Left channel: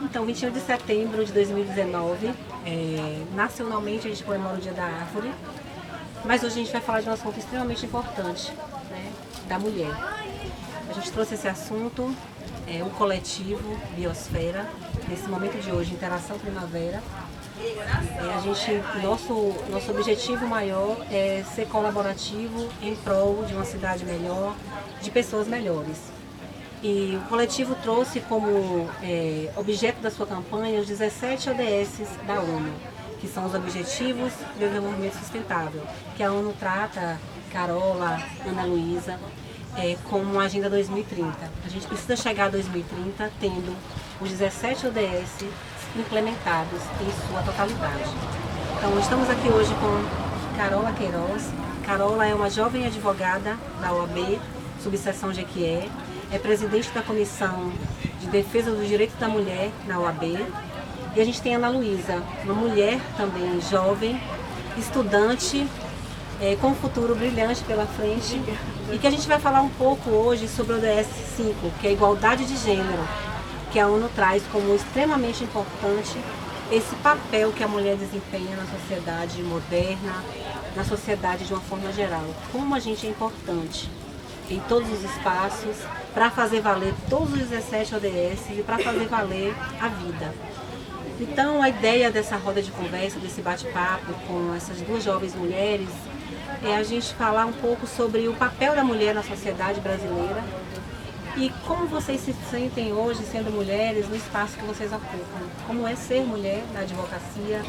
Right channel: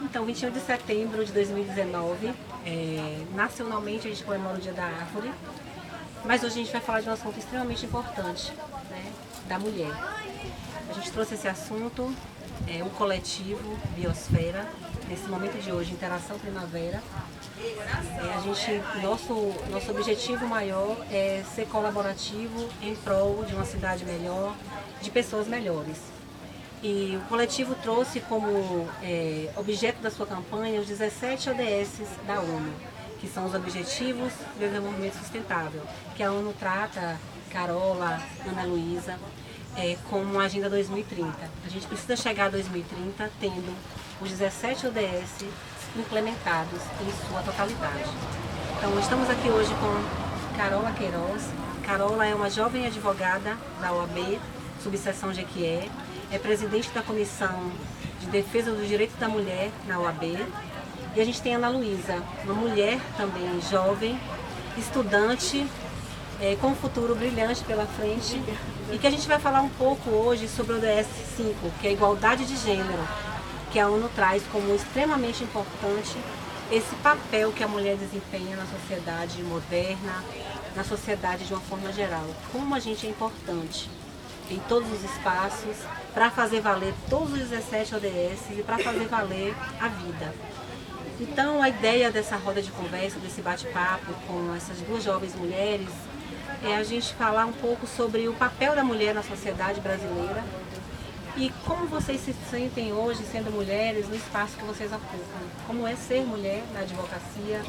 Então, 21 de setembro de 2019, nacionalmente a gente comemora o Dia da Árvore, mas hoje a gente vai falar de um assunto extremamente importante, né, da mulher. A gente trouxe esse assunto, o coletivo Biosfera, nesse momento de hoje, Interação Primavera. Nosso objetivo maior é ser colaborativo em prol de uma cidade melhor, de pessoas melhores. E o coletivo trouxe como objeto da sua campanha os 17 ODS da ONU, que são os Objetivos de Desenvolvimento Sustentável, que a ONU trata, Carola, Ana Luísa, como uma Agenda 2030. A gente precisa chegar a 2030 tendo os 17 ODS implementados em sua totalidade. Então, estamos aqui hoje com Carola Queiroz. Carola é uma jovem advogada da OAB, subseção Jequié, é presidente da Comissão de Defesa dos Direitos da Mulher na OAB. E a gente tem a Ana Luísa, uma mulher também jovem, estudante, com um futuro brilhante pela frente, e que a gente vai falar um pouco hoje sobre o ODS 5, que é a igualdade de gênero, que a ONU traz como extremamente importante esse papel que a mulher desempenha na sociedade moderna, na sociedade de uma forma geral. Como a gente é importante em todos os espaços, para fazer valer todos os 17 ODS e para fazer valer a vida. Então, a ideia dessa roda de conversa, desse bate-papo com essas duas jovens mulheres, é a gente falar um pouco sobre o papel da mulher na sociedade brasileira e como vocês se sentem hoje sendo mulheres no espaço que vocês ocupam. Como é ser mulher na advocacia,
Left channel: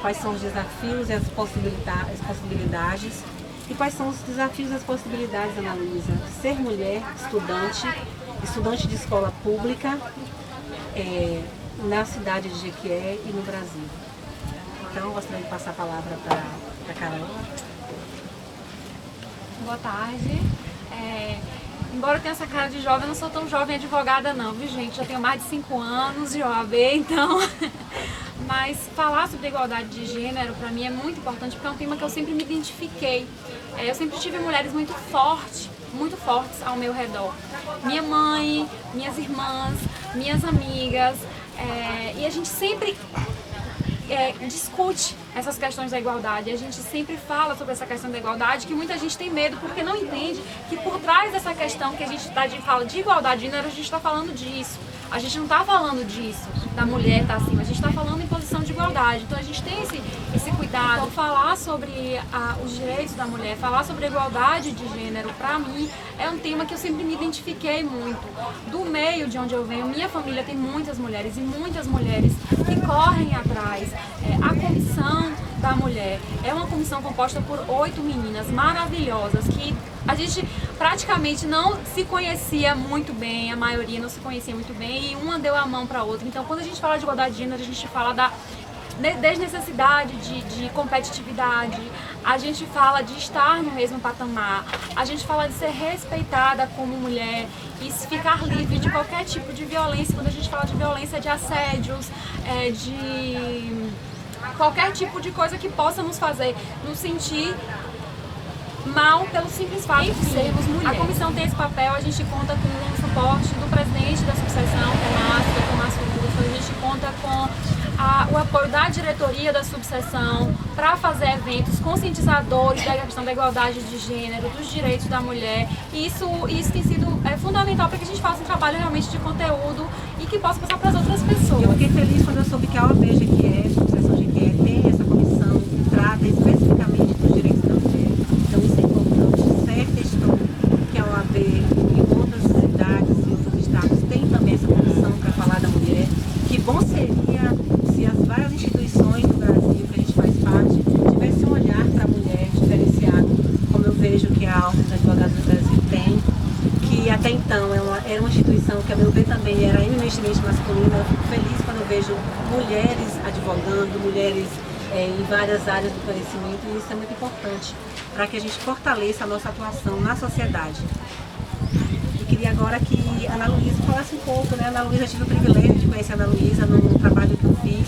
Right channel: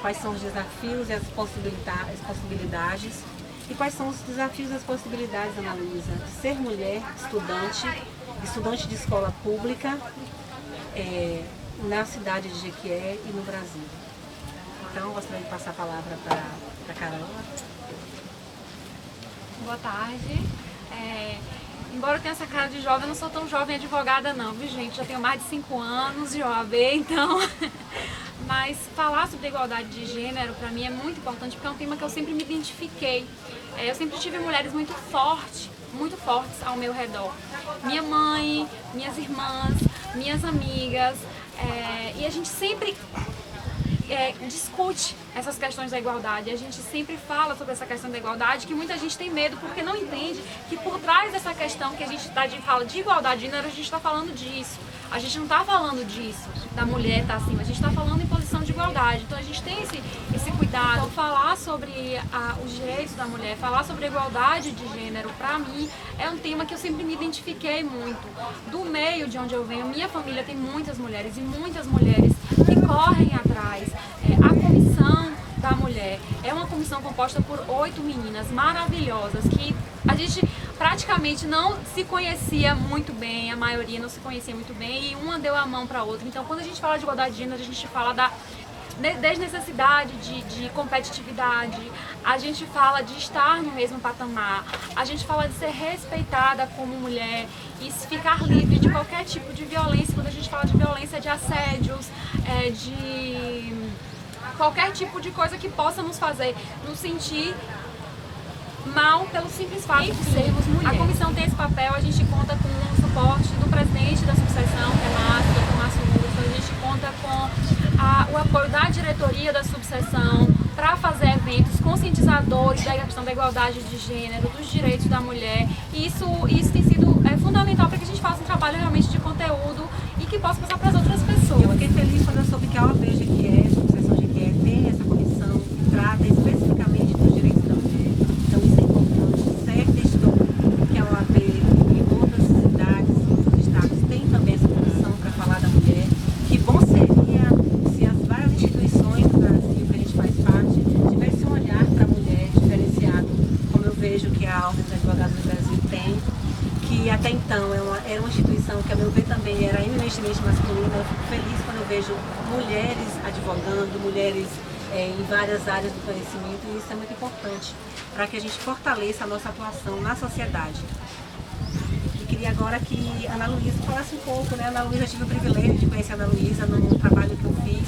quais são os desafios e as possibilidades. E quais são os desafios e as possibilidades, Ana Luísa, de ser mulher, estudante de escola pública, na cidade de Jequié e no Brasil. Então, gostaria de passar a palavra para a Carola. Boa tarde. Embora eu tenha essa cara de jovem, eu não sou tão jovem advogada não, viu gente? Já tenho mais de 5 anos de OAB, então... Mas falar sobre igualdade de gênero para mim é muito importante porque é um tema que eu sempre me identifiquei. Eu sempre tive mulheres muito fortes ao meu redor. Minha mãe, minhas irmãs, minhas amigas, e a gente sempre discute essas questões da igualdade. A gente sempre fala sobre essa questão da igualdade, que muita gente tem medo porque não entende que por trás dessa questão que a gente fala de igualdade de gênero, a gente está falando disso. A gente não está falando disso, da mulher estar acima, a gente está falando em posição de igualdade. Então a gente tem esse cuidado. Então, falar sobre os direitos da mulher, falar sobre a igualdade de gênero, para mim, é um tema que eu sempre me identifiquei muito. Do meio de onde eu venho, minha família tem muitas mulheres e muitas mulheres que correm atrás. A comissão da mulher é uma comissão composta por 8 meninas maravilhosas que a gente praticamente não se conhecia muito bem, a maioria não se conhecia muito bem e uma deu a mão para a outra. Então, quando a gente fala de igualdade de gênero, a gente fala da desnecessidade de competitividade, a gente fala de estar no mesmo patamar, a gente fala de ser respeitada como mulher e ficar livre de qualquer tipo de violência. Quando a gente fala de violência, de assédios, de qualquer tipo de coisa que possa nos fazer nos sentir mal pelo simples fato de sermos mulheres. A comissão tem esse papel, a gente conta com o suporte do presidente da subseção, que é Márcio, Dr. Márcio Russo, a gente conta com o apoio da diretoria da subseção para fazer eventos conscientizadores da questão da igualdade de gênero, dos direitos da mulher. E isso tem sido fundamental para que a gente faça um trabalho realmente de conteúdo e que possa passar para as outras pessoas. Eu fiquei feliz quando eu soube que a OAB Jequié, subseção Jequié, tem essa comissão que trata especificamente dos direitos da mulher. Então isso é importante. Certa estou que a OAB em outras cidades e outros estados tem também essa comissão para falar da mulher. Que bom seria se as várias instituições do Brasil que a gente faz parte tivessem um olhar para a mulher diferenciado, como eu vejo que a Ordem dos Advogados do Brasil tem, que até então era uma instituição que, a meu ver, também era eminentemente masculina. Eu fico feliz quando eu vejo mulheres advogando, mulheres em várias áreas do conhecimento, e isso é muito importante para que a gente fortaleça a nossa atuação na sociedade. E queria agora que a Ana Luísa falasse um pouco, né? A Ana Luísa, eu tive o privilégio de conhecer a Ana Luísa num trabalho que eu fiz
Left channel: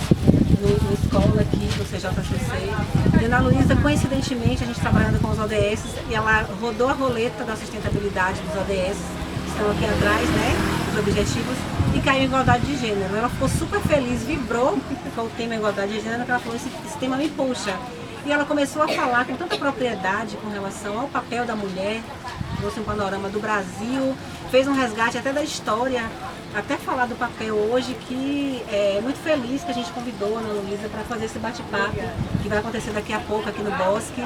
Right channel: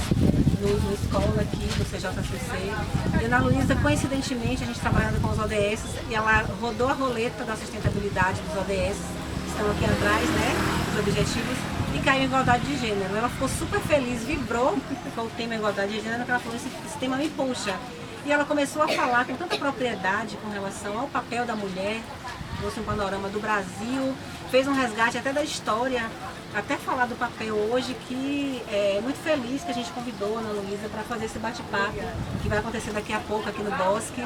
no escola aqui, no CJCC. E a Ana Luísa, coincidentemente, a gente trabalhando com os ODS, e ela rodou a roleta da sustentabilidade dos ODS, que estão aqui atrás, né? Os objetivos. e caiu em igualdade de gênero. Ela ficou super feliz, vibrou com o tema igualdade de gênero, que ela falou, esse tema me puxa. E ela começou a falar com tanta propriedade com relação ao papel da mulher, trouxe um panorama do Brasil, fez um resgate até da história, até falar do papel hoje, que é muito feliz que a gente convidou a Ana Luísa para fazer esse bate-papo, que vai acontecer daqui a pouco aqui no Bosque,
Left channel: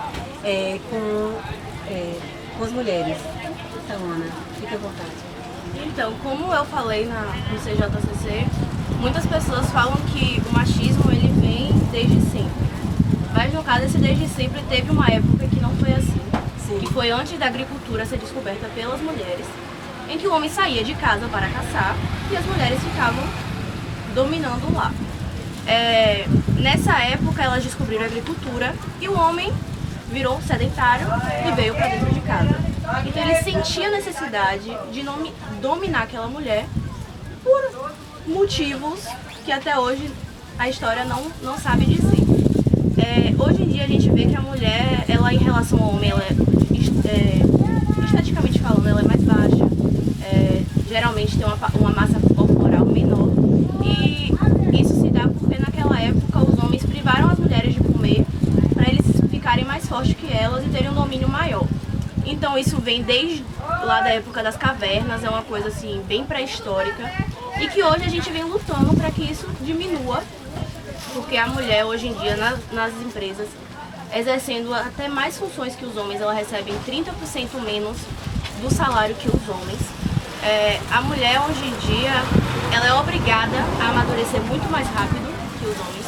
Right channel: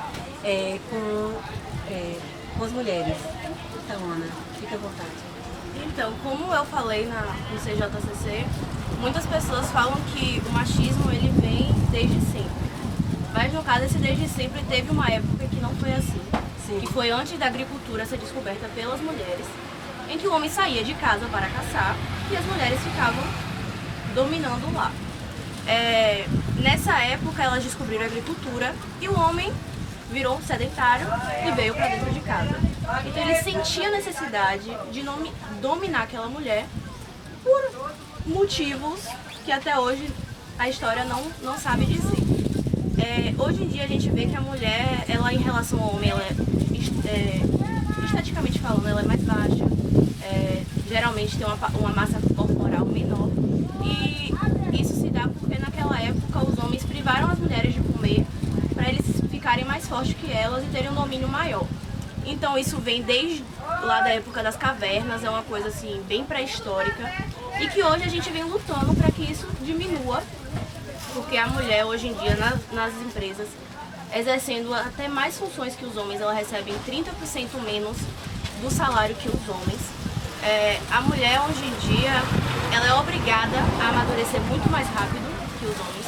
com as mulheres. Então, Ana, fique à vontade. Então, como eu falei no CJCC, muitas pessoas falam que o machismo ele vem desde sempre. Mas no caso, esse desde sempre teve uma época que não foi assim. Sim. Que foi antes da agricultura ser descoberta pelas mulheres, em que o homem saía de casa para caçar e as mulheres ficavam dominando lá. Nessa época, elas descobriram a agricultura e o homem virou sedentário e veio para dentro de casa. Então ele sentia a necessidade de dominar aquela mulher por motivos que até hoje a história não sabe dizer. Hoje em dia a gente vê que a mulher, ela em relação ao homem, ela esteticamente falando, ela é mais baixa, geralmente tem uma massa corporal menor, e isso se dá porque naquela época os homens privaram as mulheres de comer para eles ficarem mais fortes que elas e terem um domínio maior. Então isso vem desde lá da época das cavernas, é uma coisa assim bem pré-histórica, e que hoje a gente vem lutando para que isso diminua, porque a mulher hoje em dia nas empresas, exercendo até mais funções que os homens, ela recebe 30% menos do salário que os homens. A mulher hoje em dia, ela é obrigada a amadurecer muito mais rápido que os homens.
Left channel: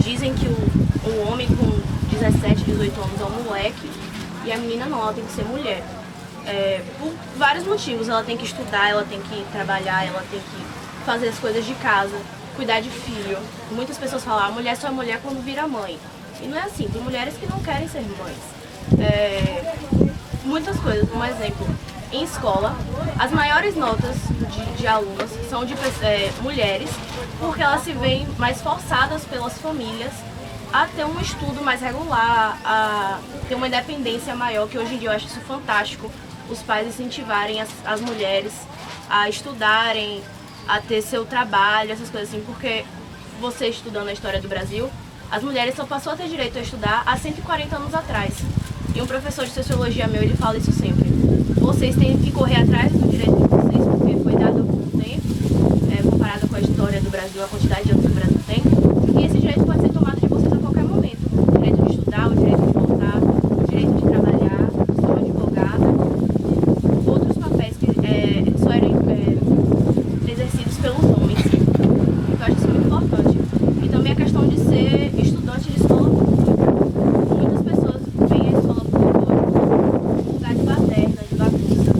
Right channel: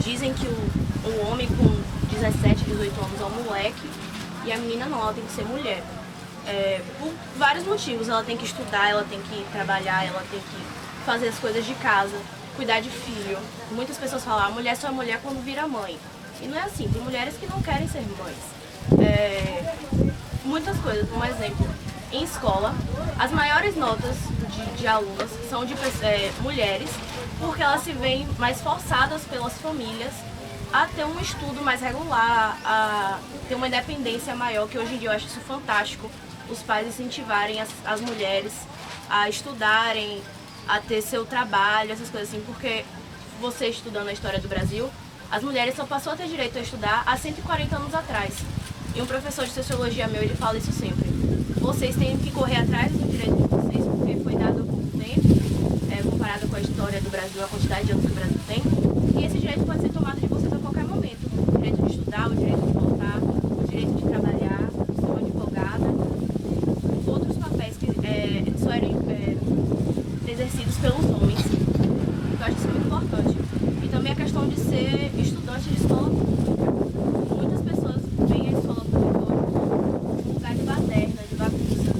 Dizem que o homem com 17, 18 anos é um moleque, e a menina não, ela tem que ser mulher. Por vários motivos, ela tem que estudar, ela tem que trabalhar, ela tem que fazer as coisas de casa, cuidar de filho. Muitas pessoas falam, a mulher só é mulher quando vira mãe. E não é assim, tem mulheres que não querem ser mães. Muitas coisas, um exemplo, em escola, as maiores notas de alunas são de mulheres, porque elas se veem mais forçadas pelas famílias a ter um estudo mais regular, a ter uma independência maior, que hoje em dia eu acho isso fantástico, os pais incentivarem as mulheres a estudarem, a ter seu trabalho, essas coisas assim, porque você estudando a história do Brasil, as mulheres só passou a ter direito a estudar há 140 anos atrás. E um professor de sociologia meu, ele fala isso sempre. Vocês têm que correr atrás do direito de vocês, porque foi dado há pouco tempo, comparado com a história do Brasil, a quantidade de anos que o Brasil tem, e esse direito pode ser tomado de vocês a qualquer momento. O direito de estudar, o direito de votar, o direito de trabalhar, ser uma advogada, outros papéis que só eram exercidos pelos homens. Então eu acho isso muito importante. E também a questão de ser estudante de escola pública. Muitas pessoas veem a escola pública hoje como um lugar de baderna, de bagunça.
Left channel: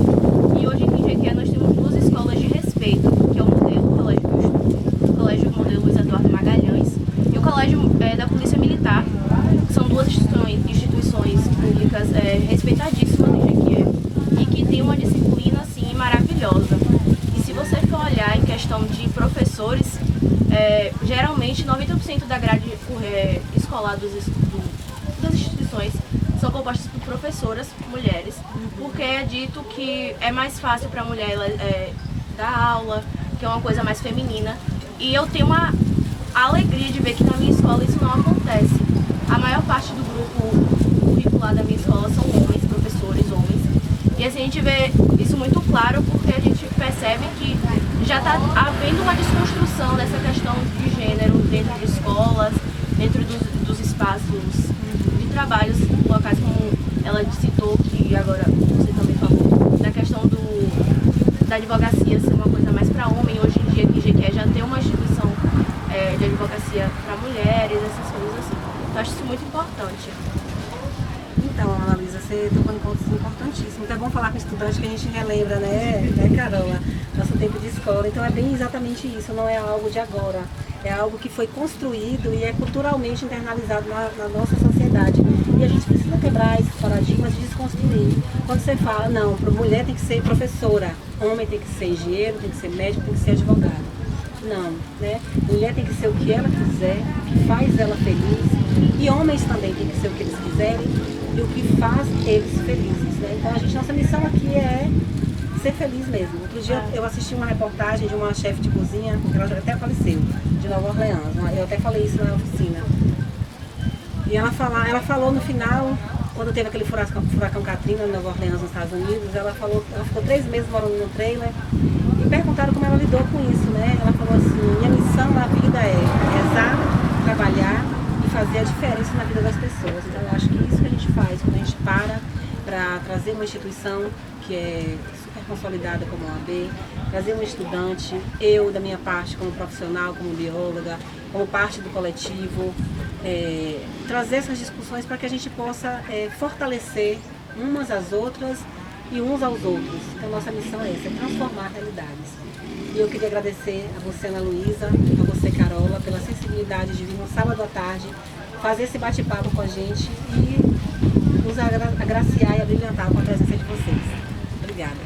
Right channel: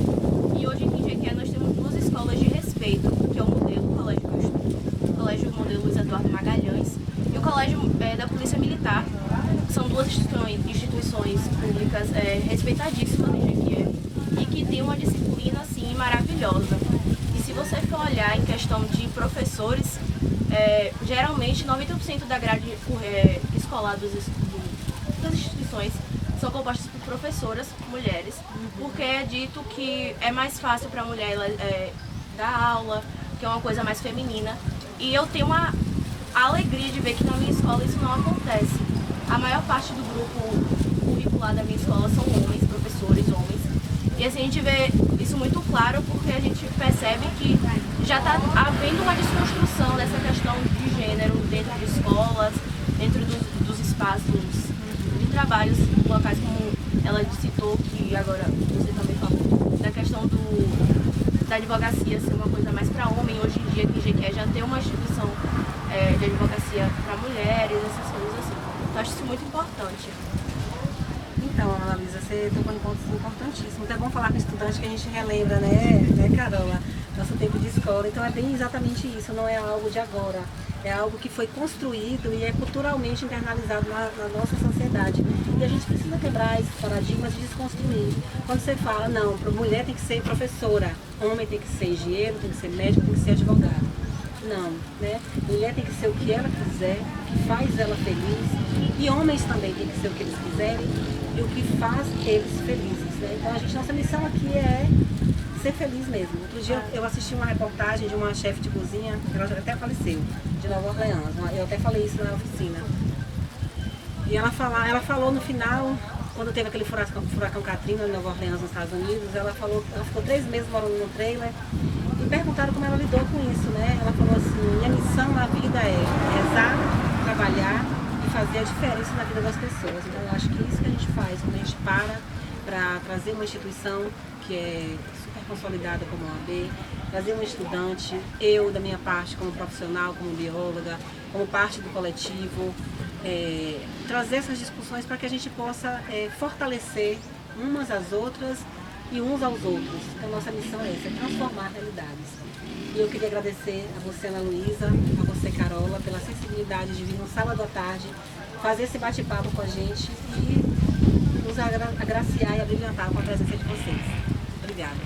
E hoje aqui em Jequié nós temos duas escolas de respeito, que é o modelo, o colégio que eu estudo, o colégio modelo Luiz Eduardo Magalhães, e o colégio da Polícia Militar, que são duas instituições públicas respeitadíssimas em Jequié, e que tem uma disciplina assim maravilhosa. E se você for olhar em questão de professores, geralmente 90% da grade escolar das instituições são compostas por professoras mulheres, porque é dito que é mais fácil para a mulher dar aula, que é uma coisa mais feminina. E eu tenho uma alegria de ver que na minha escola isso não acontece. A maior parte do grupo curricular da minha escola são homens, professores homens. E assim, a gente vê isso muito claro porque a gente percebe que já está havendo uma desconstrução dessa questão de gênero dentro de escolas, dentro dos espaços de trabalhos locais, como ela citou, que agora você também falou, da questão da advocacia ser uma coisa mais para homem. Hoje em dia, aqui em Jequié já tem uma instituição de advocacia para mulheres, essas coisas assim. Então, acho isso muito importante. Então, Ana Luísa, você tocou em pontos importantíssimos. Então é bom falar com estudante que a gente relembra, né, Carola? Nosso tempo de escola. Então é bem exatamente isso, não é algo de agora. É algo que foi construído e é culturalmente internalizado na nossa sociedade. E a gente precisa quebrar esses paradigmas e desconstruir. Quando você fala, não, mulher tem que ser professora, homem tem que ser engenheiro, tem que ser médico, tem que ser advogado. Não, né? Mulher tem que ser o que ela quiser, o que faz ela feliz. E homens também tem que ser o que eles quiserem e o que faz eles felizes, né? Então nossa missão aqui é ser feliz mesmo. Outro dia eu assisti uma reportagem de uma chefe de cozinha, que ela até faleceu, de Nova Orleans. Eu até falei isso na oficina. E ela falou no final, quando teve aquele furacão Katrina em Nova Orleans, nos Estados Unidos, ela ficou 3 meses morando no trailer e perguntaram como ela lidou com isso, né? Ela falou assim, minha missão na vida é rezar, trabalhar e fazer a diferença na vida das pessoas. Então eu acho que isso que a gente faz, quando a gente para trazer uma instituição que é super consolidada como a OAB, trazer um estudante, eu da minha parte como profissional, como bióloga, como parte do coletivo, trazer essas discussões para que a gente possa fortalecer umas às outras e uns aos outros. Então nossa missão é essa, é transformar realidades. E eu queria agradecer a você, Ana Luísa, a você, Carola, pela sensibilidade de vir no sábado à tarde fazer esse bate-papo com a gente e nos agraciar e abrilhantar com a presença de vocês. Obrigada.